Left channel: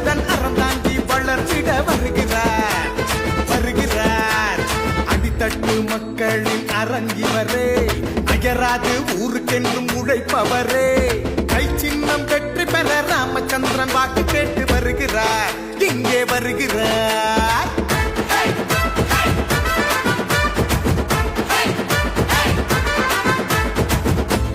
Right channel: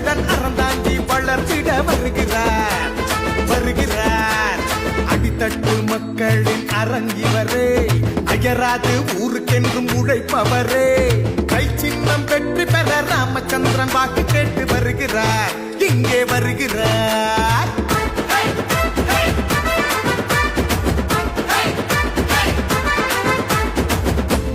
கரங்களுடன் அறந்தாங்கி வளர்த்திட வருகிறார் வருகிறார். அடித்தட்டு மக்களின் அரங்கிவரே, அயராது ஊருக்கென்றும் உழைப்பவரே. கை சின்னம் வெற்றி பெற ராமச்சந்திரன் வாக்கு கேட்டு வருகிறார், இங்கே வருகிறார்.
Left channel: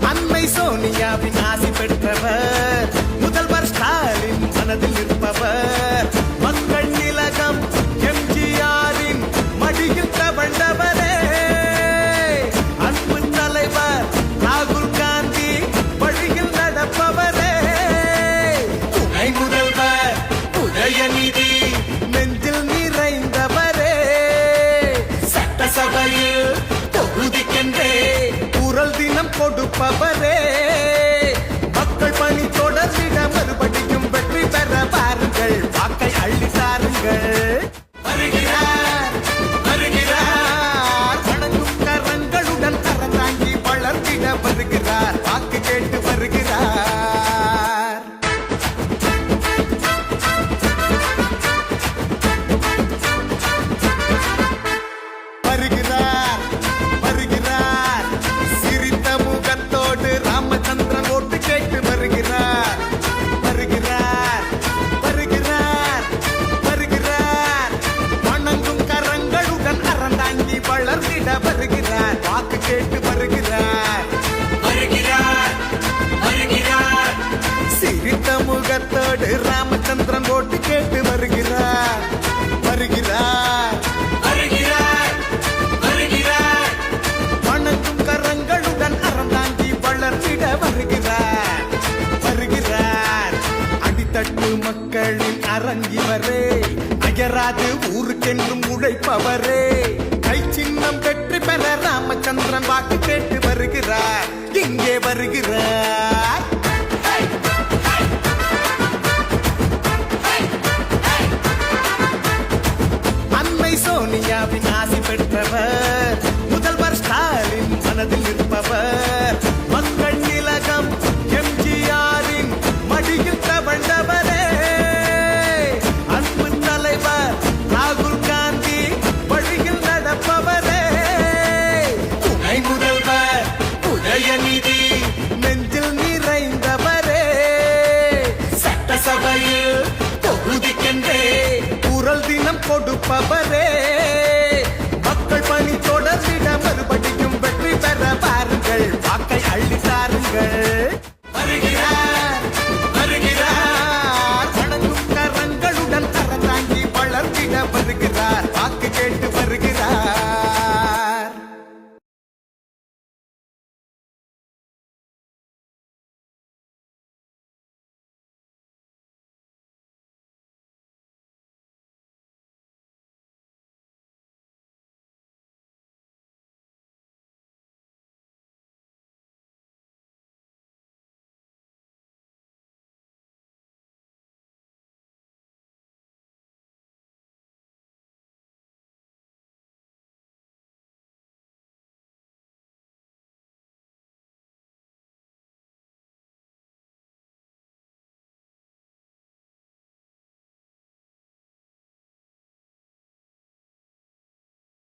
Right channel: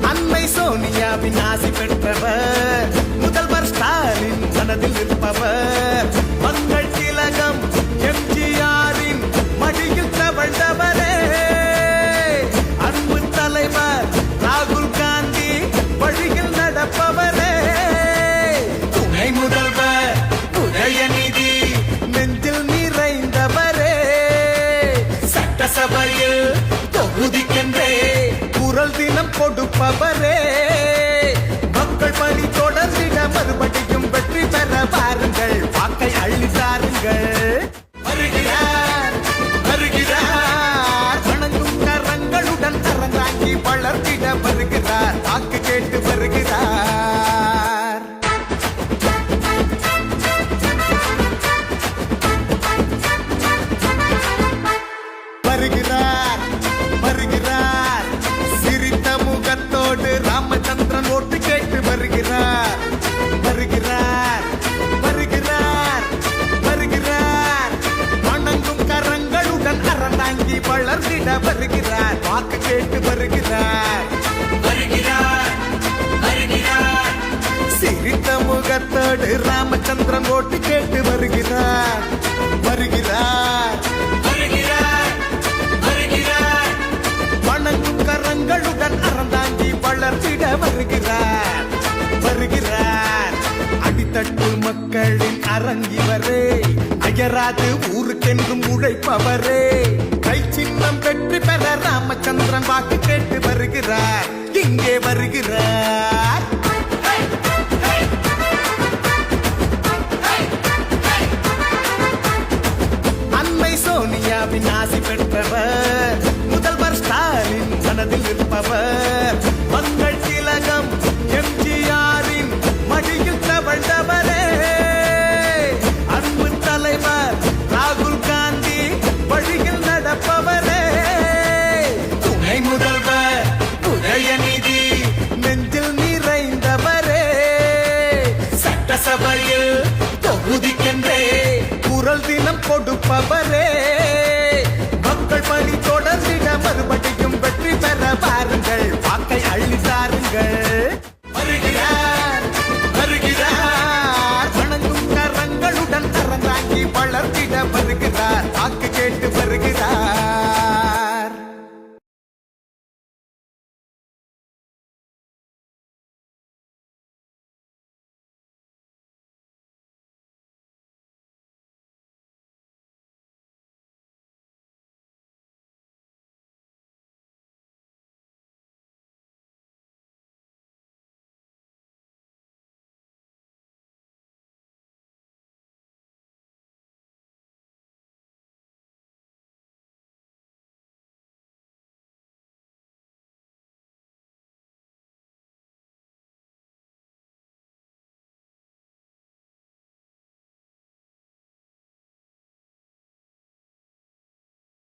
அன்னை சோனியாவின் ஆசி பெற்றவர், முதல்வர் ஸ்டாலின் மனதில் நிற்பவர். மக்கள் திலகம் எம்ஜிஆரின் மடியில் தவழ்ந்தவரே. அன்பு தலைவர் ராகுல் காந்தி வழியில் நடப்பவரே. துணை முதல்வர் உதயநிதி நெஞ்சில் நிறைந்தவரே. சட்டசபையில் தொகுதிக்கென்றே குரல் தினம் கொடுப்பவரே. மக்கள் பணி தொடர்ந்திட மறுபடியும் வெற்றி பெற பாருங்கள், வாக்கை அள்ளி தாருங்கள். வருகிறார் வருகிறார், வணங்கும் கரங்களுடன் அறந்தாங்கி வளர்த்திட வருகிறார், வாக்கு கேட்டு வருகிறார். வருகிறார் வருகிறார், சிரித்த முகத்தோடு ராமச்சந்திரன் ஓட்டு கேட்டு வருகிறார். வருகிறார் வருகிறார் வருகிறார், வணங்கும் கரங்களுடன் அறந்தாங்கி வளர்ந்திட வருகிறார், வாக்கு கேட்டு வருகிறார். சிரித்த முகத்தோடு ராமச்சந்திரன் ஓட்டு கேட்டு வருகிறார். வருகிறார் வணங்கும் கரங்களுடன் அறந்தாங்கி வளர்த்திட வருகிறார். வருகிறார். அடித்தட்டு மக்களின் அரங்கிவரே, அயராது ஊருக்கென்றும் உழைப்பவரே. கை சின்னம் வெற்றி பெற ராமச்சந்திரன் வாக்கு கேட்டு வருகிறார், இங்கே வருகிறார். அன்னை சோனியாவின் ஆசி பெற்றவர், முதல்வர் ஸ்டாலின் மனதில் நிற்பவர். மக்கள் திலகம் எம்ஜிஆரின் மடியில் தவழ்ந்தவரே. அன்பு தலைவர் ராகுல் காந்தி வழியில் நடப்பவரே. துணை முதல்வர் உதயநிதி நெஞ்சில் நிறைந்தவரே. சட்டசபையில் தொகுதிக்கென்றே குரல் தினம் கொடுப்பவரே. மக்கள் பணி தொடர்ந்திட மறுபடியும் வெற்றி பெற பாருங்கள், வாக்கை அள்ளி தாருங்கள். வருகிறார் வருகிறார், வணங்கும் கரங்களுடன் அறந்தாங்கி வளர்த்திட வருகிறார், வாக்கு கேட்டு வருகிறார்.